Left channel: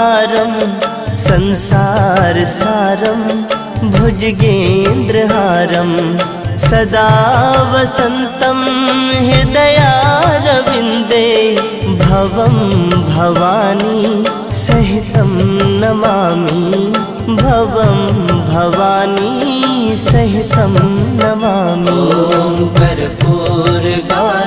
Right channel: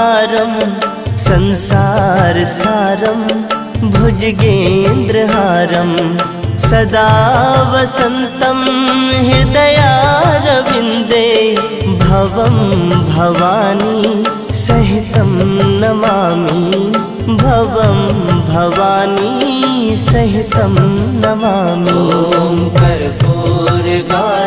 अवतारं संसारसारं भुजगेन्द्रहारं सदा वसन्तं हृदयारविन्दे भवं भवानी सहितं नमामि भवं भवानी सहितं नमामि। कर्पूरगामिनी